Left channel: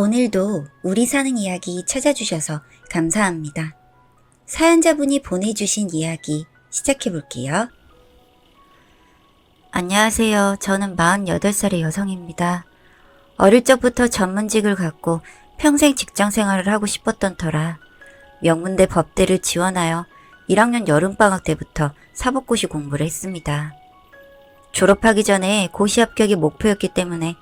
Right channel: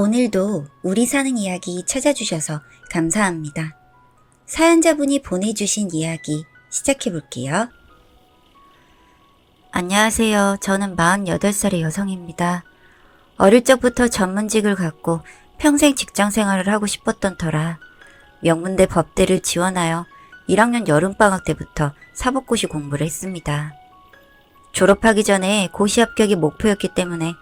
오늘도 우리 사는 이야기 찾아주셔서 감사합니다. 사연자분이 보내주신 이야기 시작해볼게요. 안녕하세요. 저는 48살의 여성입니다. 어릴 적부터 전문직을 갖고 평생 직장생활을 하고 싶었던 터라 명문대 법대를 지원하여 1학년 여름방학 때부터 사법고시 공부를 했습니다. 졸업하기 전에 고시 합격이 목표였기 때문에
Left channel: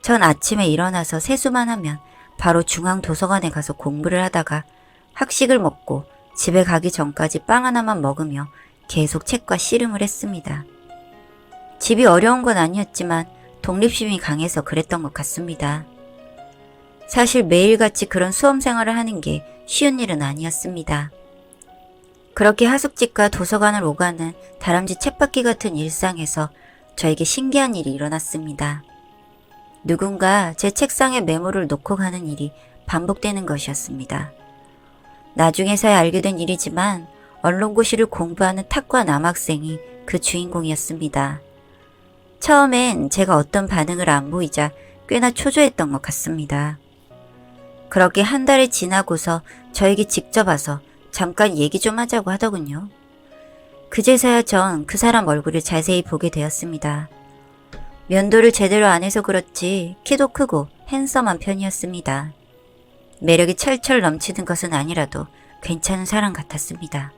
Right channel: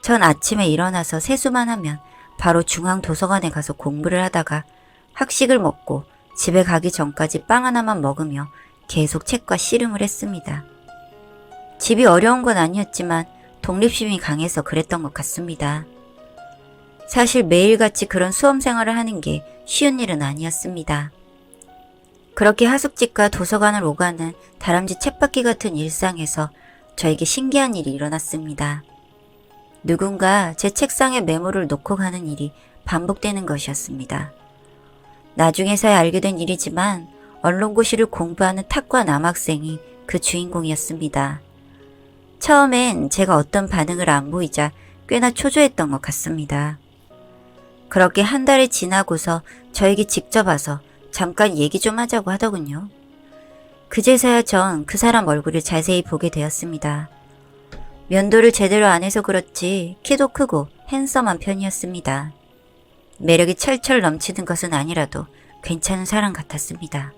전 아침에 일어나서 세수만 하면 바로 중앙도서관에 가서 공부를 하다가 학식을 먹고 집에 가기 전까지 빵 하나만 먹으며 계속 책과 씨름을 했습니다. 집이 어려운 건 아니었지만 독립심이 강해서 그랬던 것 같습니다. 사실 매일같이 그런 수험생활을 하는 게 쉬운 일은 아니었습니다. 그렇게 하숙집과 도서관을 오가는 다람쥐 쳇바퀴 같은 일상에서 저에게 신기한 일이 일어났습니다. 누군가 제 책상에 메모를 놓고 가는 일이 반복되는 것이었습니다. 나중에서야 알게 된 일이지만 언론고시를 공부하는 탁과 남학생이 그 주인공이었습니다. 처음엔 제가 어떤 반응을 안 보이자 꽤나 초조했던 것 같습니다. 그렇게 한 달이 지나고서 저에게 직접 와서 잠깐 얘기 좀 하자고 하더군요. 그제서야 전 그 사람 얼굴을 자세히 보게 되었습니다. 면도를 제대로 안 해서 그렇지 키도 크고 핸섬한 편이었습니다. 매력이 철철 넘치는 것은 아니라도 괜찮은 사람 같았습니다.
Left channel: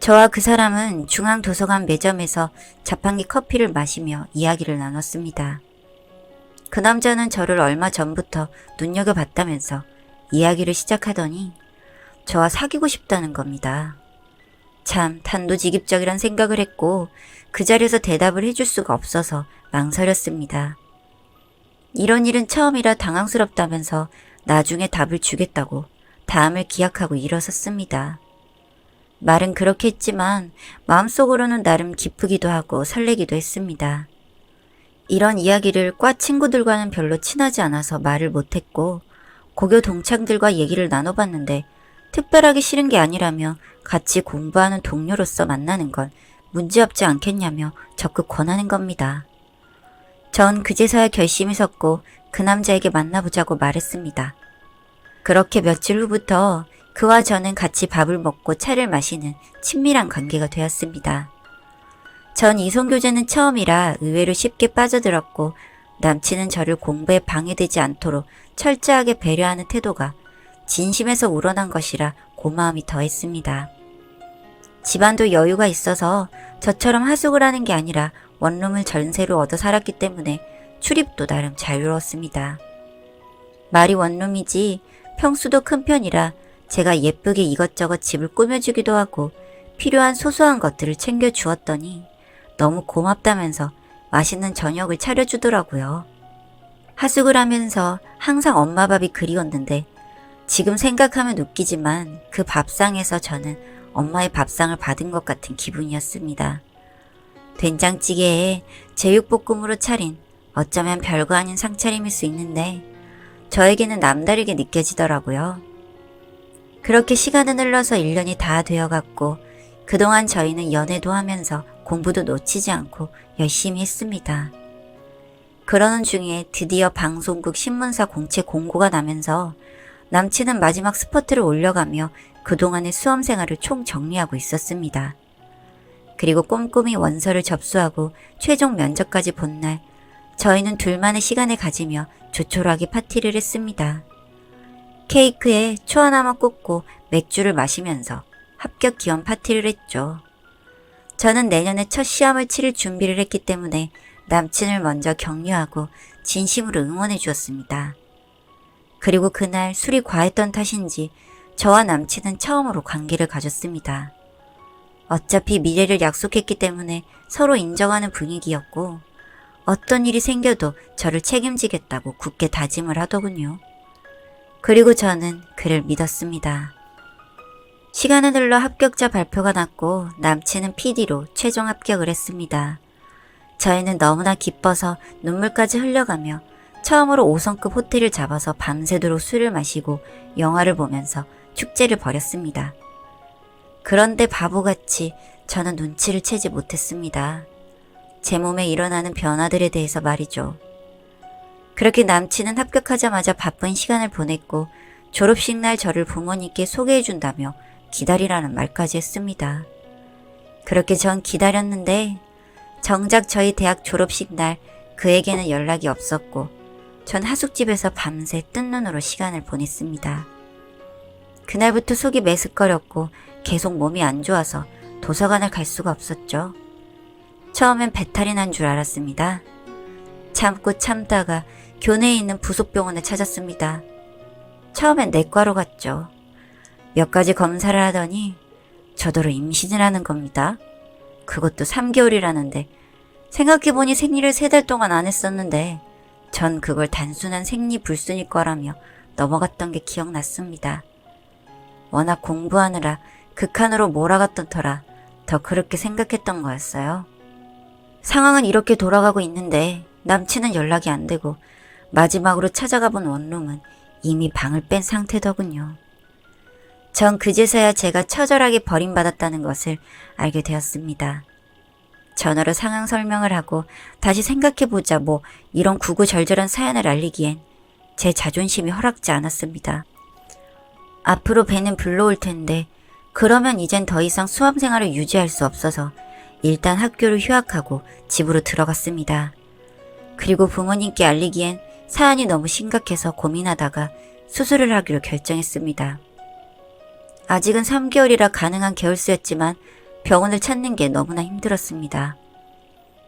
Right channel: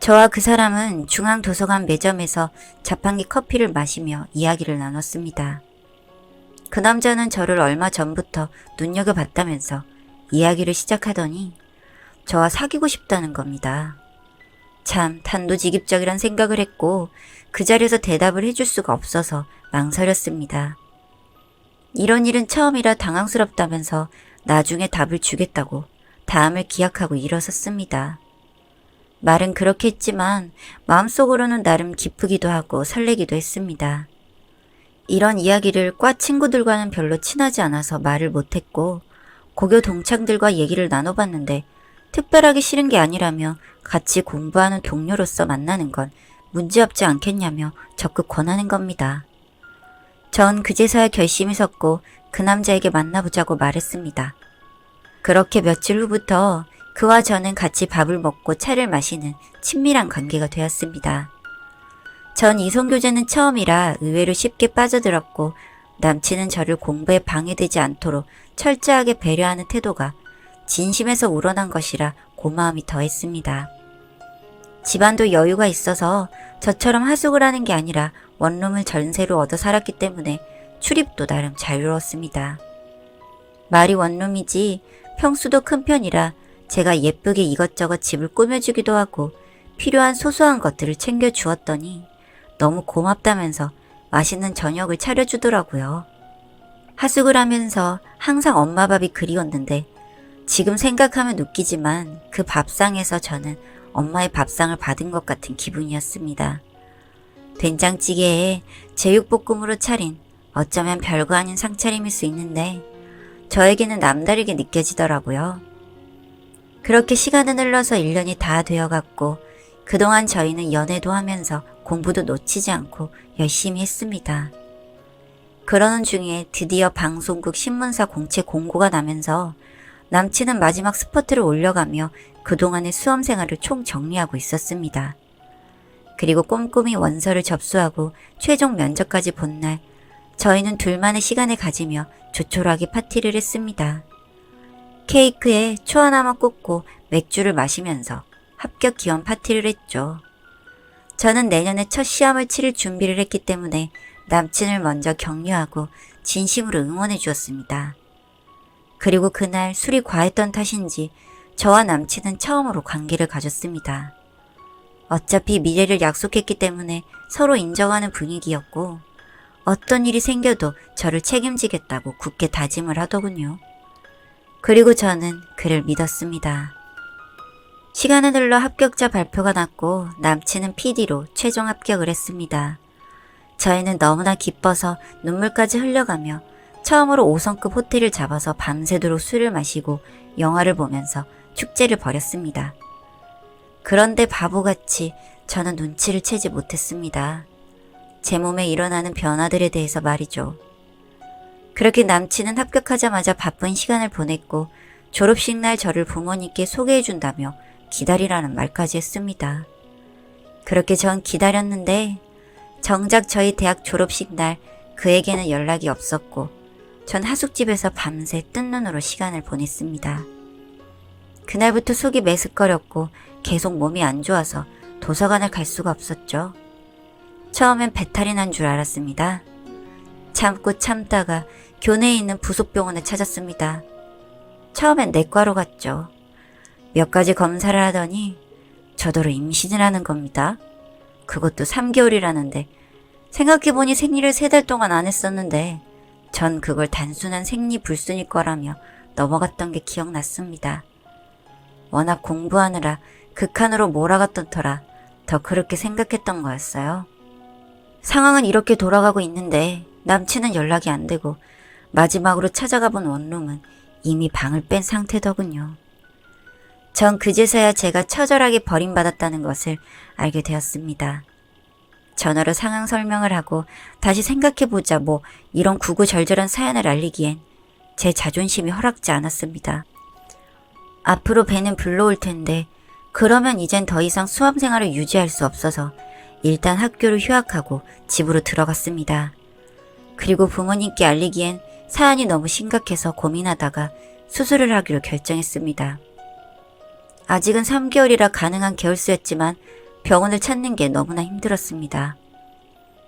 저와 그 사람은 중앙도서관 매점에서 자판기 커피를 마시며 이야기를 나눴습니다. 그 남자는 저를 얼마 전부터 눈여겨봤다면서 이야기를 시작하더니 저와 사귀고 싶다는 겁니다. 참 단도직입적이란 생각을 했고 그 자리에서 대답을 해줄 수가 없어서 망설였습니다. 이런 일은 처음이라 당황스럽다면서 나중에 답을 주겠다고 다음을 기약하고 일어섰습니다. 말은 그렇게 했지만 마음속으로는 나름 기쁘기도 하고 설레기도 했습니다. 이런 이야기를 과 친구들과는 별로 친하지 않아서 말을 못했고 고교 동창들과 얘기를 나눠봤는데 특별하게 싫은 게 아니라며 같이 공부하는 동료로서 만나는 건 문제없지 않겠냐며 적극 권하는 겁니다. 전 그제서야 결심이 섰고 그 남자에게 만나보자고 말했습니다. 그렇게 며칠 후부터 그와 저는 같이 밥을 먹고 차를 마시는 친밀한 관계가 되었습니다. 전 이성교제는 처음이라 의외로 쉽게 빠져들었고 남친은 저를 공부에 방해되지 않도록 철저하게 배려하는 태도가 진심에서 우러난 것이라 고마움이 더했습니다. 집안도 여유가 있어서 저처럼 하숙을 하는 게 아니라 원룸을 전세로 얻어 살았기 때문에 출입도 나름 자유로웠습니다. 말이 원룸이지 평수도 큰 편이라 제가 예쁘게 이것저것 집을 꾸며주기도 하고 필요한 소소한 것들을 챙겨주었더니 너무 고맙다면서 맛있는 저녁을 차려주더라고요. 하숙을 하면서 항상 엄마 밥이 그리웠는데 지금 생각하면 웃기지만 그 밥상에서 저는 엄마의 밥상을 받은 것 같은 기분이었습니다. 된장찌개에 제육볶음으로 차린 어쩌면 별거 아닌 상차림일 수 있는데 저에게는 남다르게 느껴지더라고요. 그렇게 시간은 흘러서 1년이 다 되어갔고 그동안 저희는 연애도 하면서 공부도 놓치지 않고 열심히 했습니다. 그러는 중에 드디어 방송국 신문사 공채 공고가 나면서 남친은 마지막 스퍼트를 올려가며 그동안의 수험생활을 총정리하고 있었습니다. 그리고 꼼꼼히 원서를 접수하고 최종 면접까지 본 날 저희는 둘만의 시간을 가지며 조촐하게 파티를 했습니다. 케이크에 초 하나만 꽂고 맥주를 마시면서 합격 기원 파티를 했죠. 저는 내년에 첫 시험을 치를 준비를 했기 때문에 남친을 먼저 격려하고 진심으로 응원해 주었습니다. 그리고 그날 술이 과했던 탓인지 저와 남친은 처음으로 관계를 가졌습니다. 어차피 미래를 약속했기 때문에 서로 인정하는 분위기였고 어떤 일이 생겨도 저를 책임지겠다고 굳게 다짐을 하더군요. 그리고 저는 그를 믿었습니다. 시간은 흘러 합격자 발표가 났고 남친은 PD로 최종 합격을 했습니다. 저희는 너무나 기뻐서 눈물까지 흘려가며 처음으로 5성급 호텔을 잡아서 밤새도록 술을 마시고 영화를 보면서 축제를 벌였습니다. 그런데 바보같이 저는 눈치를 채지 못했습니다. 제 몸에 일어나는 변화들에 대해서 말이죠. 그렇게 남친은 합격하자마자 바쁜 시간을 보냈고 졸업식 날 저를 부모님께 소개해준다며 기다리라는 말까지 했습니다. 그렇게 전 기다렸는데 정작 저희 대학 졸업식 날 그에게는 연락이 없었고 전 하숙집에서 밤새 뜬 눈으로 시간을 보냈습니다. 그날부터 속이 메스꺼렸고 계속 몸이 안 좋아서 도서관을 갈 수가 없었죠. 처음엔 배탈이 난 줄 알았습니다. 참고 참다가 교내에 있는 부속병원을 찾았습니다. 처음엔 내과로 갔죠. 몇 가지 검사를 하더니 저더러 임신을 하는 겁니다. 그것도 3개월이라는데 생각해보니 생리를 3달 동안 안 했었는데 전 그걸 단순한 생리불순일 거라며 넘어갔던 게 기억났습니다. 워낙 공부하느라 극한으로 몰아갔던 터라 더 그렇게 생각했던 거였어요. 상황은 이렇게 돌아가고 있는데 남친은 연락이 안 되고 마지막으로 찾아가 본 원룸은 이미 방을 뺀 상태더군요. 전 그제서야 제가 처절하게 버림받았다는 것을 알게 되었습니다. 전화로 상황 설명을 하고 다시 생각해보자 이런 구구절절한 사연을 알리기엔 제 자존심이 허락지 않았습니다. 앞으로 배는 불러올 텐데 그러면 이젠 더 이상 수험생활을 유지할 수 없어서 일단 학교를 휴학하고 집으로 들어갔습니다. 그리고 부모님께 알리기엔 사안이 너무 심각해서 고민하다가 수술을 하기로 결정했습니다. 아직은 3개월이라 가능한 계열수였지만 병원을 찾는 게 너무나 힘들었습니다.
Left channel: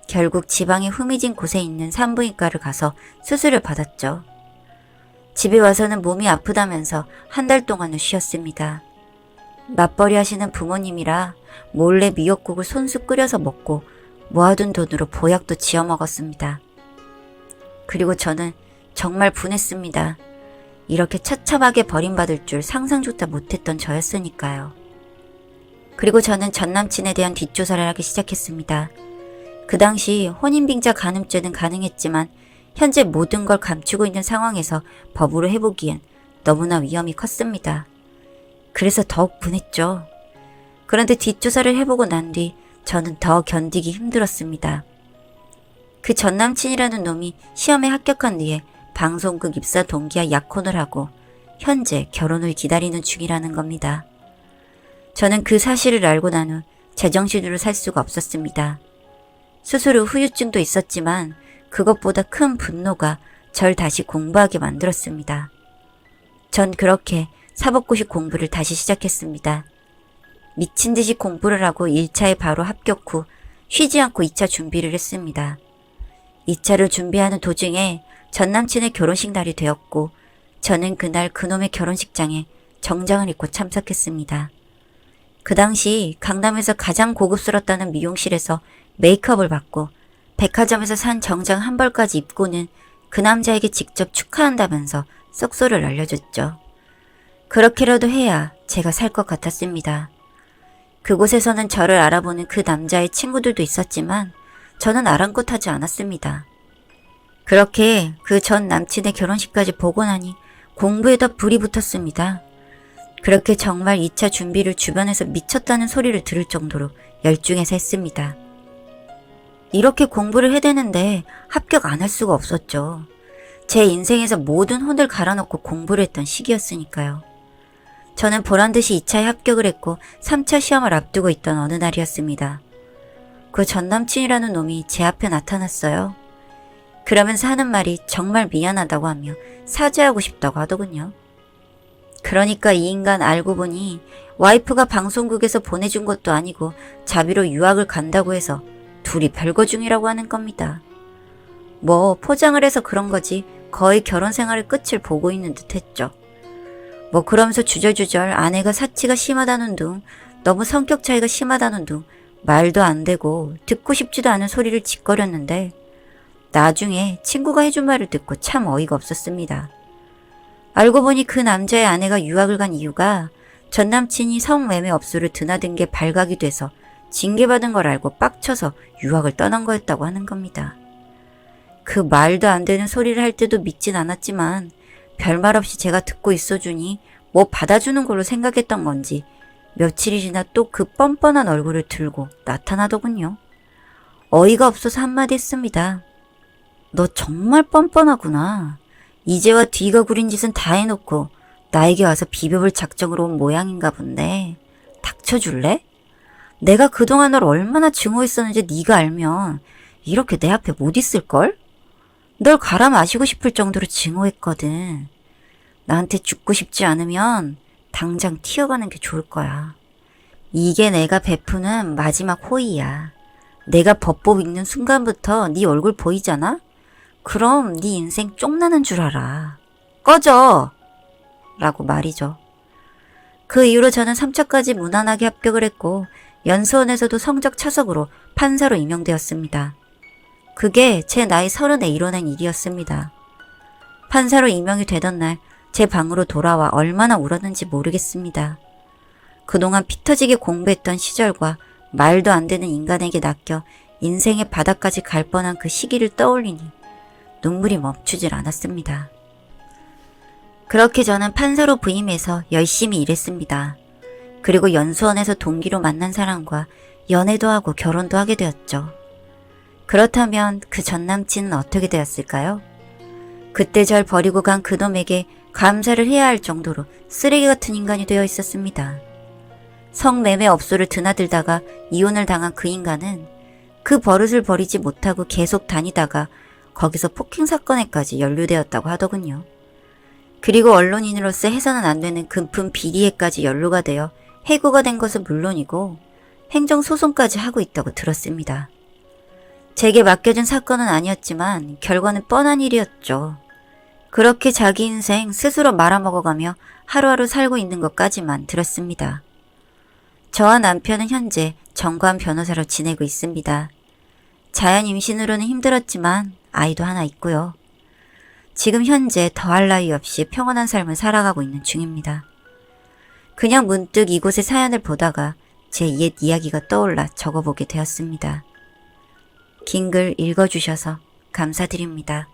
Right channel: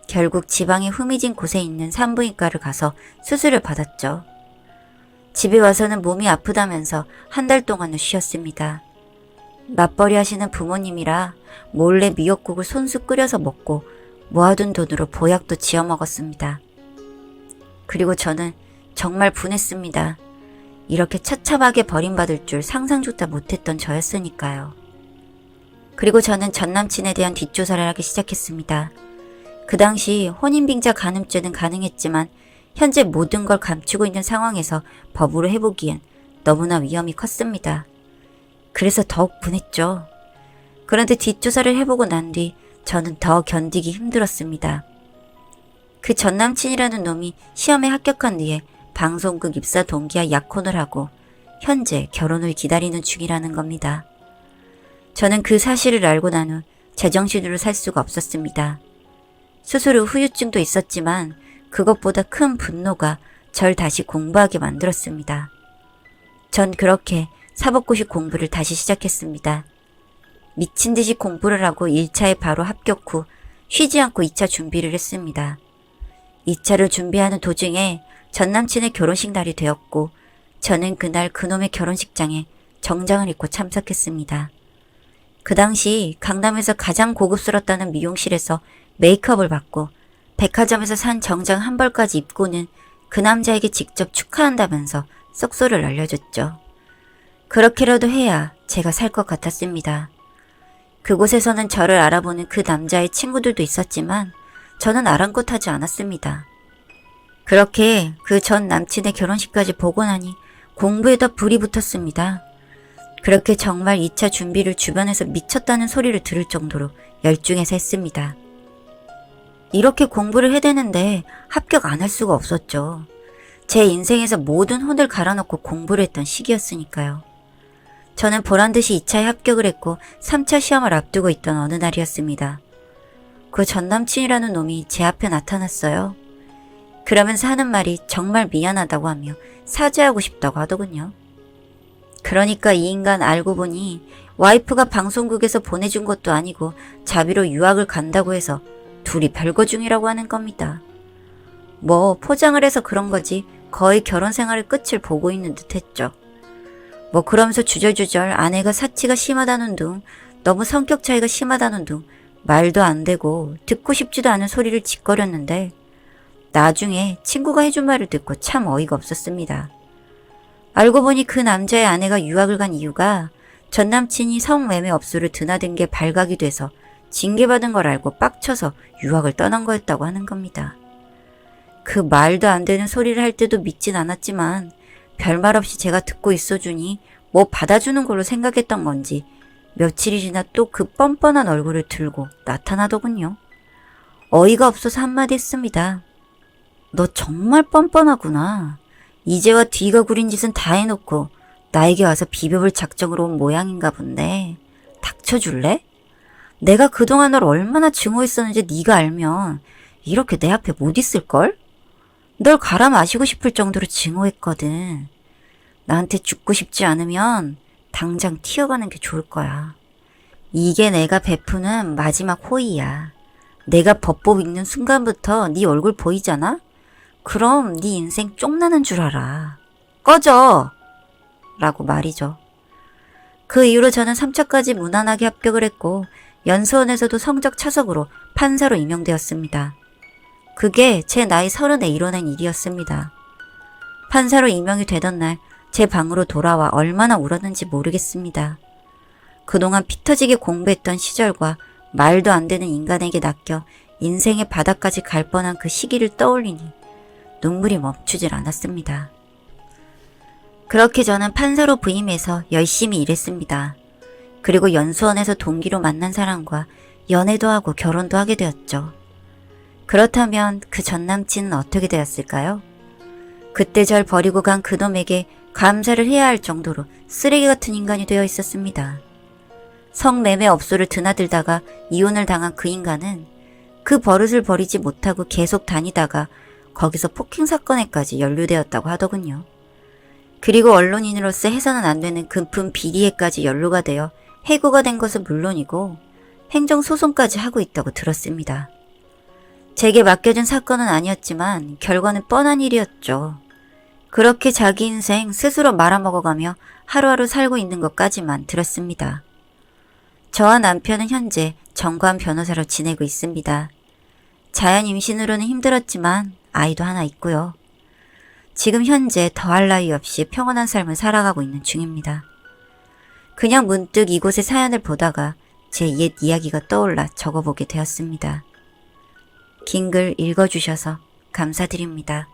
결국 지방에 후미진 곳에 있는 산부인과를 가서 수술을 받았죠. 집에 와서는 몸이 아프다면서 1달 동안은 쉬었습니다. 맞벌이 하시는 부모님이라 몰래 미역국을 손수 끓여서 먹고 모아둔 돈으로 보약도 지어 먹었습니다. 그리고 저는 정말 분했습니다. 이렇게 처참하게 버림받을 줄 상상조차 못했던 저였으니까요. 그리고 저는 전남친에 대한 뒷조사를 하기 시작했습니다. 그 당시 혼인빙자 간음죄는 가능했지만 현재 모든 걸 감추고 있는 상황에서 법으로 해보기엔 너무나 위험이 컸습니다. 그래서 더욱 분했죠. 그런데 뒷조사를 해보고 난 뒤 저는 더 견디기 힘들었습니다. 그 전남친이라는 놈이 시험에 합격한 뒤에 방송국 입사 동기와 약혼을 하고 현재 결혼을 기다리는 중이라는 겁니다. 저는 그 사실을 알고 난 후 제정신으로 살 수가 없었습니다. 수술 후 후유증도 있었지만 그것보다 큰 분노가 절 다시 공부하게 만들었습니다. 전 그렇게 사법고시 공부를 다시 시작했습니다. 미친 듯이 공부를 하고 1차에 바로 합격 후 쉬지 않고 2차 준비를 했습니다. 2차를 준비하는 도중에 전남친의 결혼식 날이 되었고 저는 그날 그놈의 결혼식장에 정장을 입고 참석했습니다. 그 당시 강남에서 가장 고급스럽다는 미용실에서 메이크업을 받고 백화점에서 산 정장 한 벌까지 입고는 그 남자에게 직접 축하한다면서 썩소를 알려줬죠. 그렇게라도 해야 제가 살 것 같았습니다. 그곳에서는 저를 알아보는 그 남자의 친구들도 있었지만 저는 아랑곳하지 않았습니다. 그렇게 그 전 남친의 결혼식까지 보고 나니 공부에 더 불이 붙었습니다. 그렇게 정말 2차 준비를 주변에서 미쳤다는 소리를 들을 정도로 열중해서 했습니다. 이렇게 공부를 해대는데 합격 안 할 수가 없었죠. 제 인생에서 모든 혼을 갈아넣고 공부를 했던 시기였으니까요. 저는 보란듯이 2차에 합격을 했고 3차 시험을 앞두고 있던 어느 날이었습니다. 그 전남친이라는 놈이 제 앞에 나타났어요. 그러면서 하는 말이 정말 미안하다고 하며 사죄하고 싶다고 하더군요. 그러니까 이 인간 알고 보니 와이프가 방송국에서 보내준 것도 아니고 자비로 유학을 간다고 해서 둘이 별거 중이라고 하는 겁니다. 포장을 해서 그런 거지 거의 결혼 생활의 끝을 보고 있는 듯 했죠. 그러면서 주절주절 아내가 사치가 심하다는 둥, 너무 성격 차이가 심하다는 둥, 말도 안 되고 듣고 싶지도 않은 소리를 짓거렸는데 나중에 친구가 해준 말을 듣고 참 어이가 없었습니다. 알고 보니 그 남자의 아내가 유학을 간 이유가 전남친이 성매매 업소를 드나든 게 발각이 돼서 징계받은 걸 알고 빡쳐서 유학을 떠난 거였다고 하는 겁니다. 그 말도 안 되는 소리를 할 때도 믿진 않았지만 별말 없이 제가 듣고 있어주니 받아주는 걸로 생각했던 건지 며칠이 지나 또 그 뻔뻔한 얼굴을 들고 나타나더군요. 어이가 없어서 한마디 했습니다. 너 정말 뻔뻔하구나. 이제와 뒤가 구린 짓은 다 해놓고 나에게 와서 비벼볼 작정으로 온 모양인가 본데. 닥쳐줄래? 내가 그동안 널 얼마나 증오했었는지 네가 알면 이렇게 내 앞에 못 있을걸? 널 갈아 마시고 싶을 정도로 증오했거든. 나한테 죽고 싶지 않으면 당장 튀어가는 게 좋을 거야. 이게 내가 베푸는 마지막 호의야. 내가 법법 읽는 순간부터 네 얼굴 보이잖아? 그럼 네 인생 쪽나는 줄 알아. 꺼져! 라고 말이죠. 그 이후로 저는 3차까지 무난하게 합격을 했고 연수원에서도 성적 차석으로 판사로 임명되었습니다. 그게 제 나이 30에 이뤄낸 일이었습니다. 판사로 임명이 되던 날 제 방으로 돌아와 얼마나 울었는지 모르겠습니다. 그동안 피 터지게 공부했던 시절과 말도 안 되는 인간에게 낚여 인생의 바닥까지 갈 뻔한 그 시기를 떠올리니 눈물이 멈추질 않았습니다. 그렇게 저는 판사로 부임해서 열심히 일했습니다. 그리고 연수원에서 동기로 만난 사람과 연애도 하고 결혼도 하게 되었죠. 그렇다면 그 전 남친은 어떻게 되었을까요? 그때 절 버리고 간 그놈에게 감사를 해야 할 정도로 쓰레기 같은 인간이 되어 있었습니다. 성매매 업소를 드나들다가 이혼을 당한 그 인간은 그 버릇을 버리지 못하고 계속 다니다가 거기서 폭행 사건에까지 연루되었다고 하더군요. 그리고 언론인으로서 해서는 안 되는 금품 비리에까지 연루가 되어 해고가 된 것은 물론이고 행정소송까지 하고 있다고 들었습니다. 제게 맡겨준 사건은 아니었지만 결과는 뻔한 일이었죠. 그렇게 자기 인생 스스로 말아먹어가며 하루하루 살고 있는 것까지만 들었습니다. 저와 남편은 현재 정관 변호사로 지내고 있습니다. 자연 임신으로는 힘들었지만 아이도 하나 있고요. 지금 현재 더할 나위 없이 평온한 삶을 살아가고 있는 중입니다. 그냥 문득 이곳의 사연을 보다가 제 옛 이야기가 떠올라 적어보게 되었습니다. 긴 글 읽어주셔서 감사드립니다.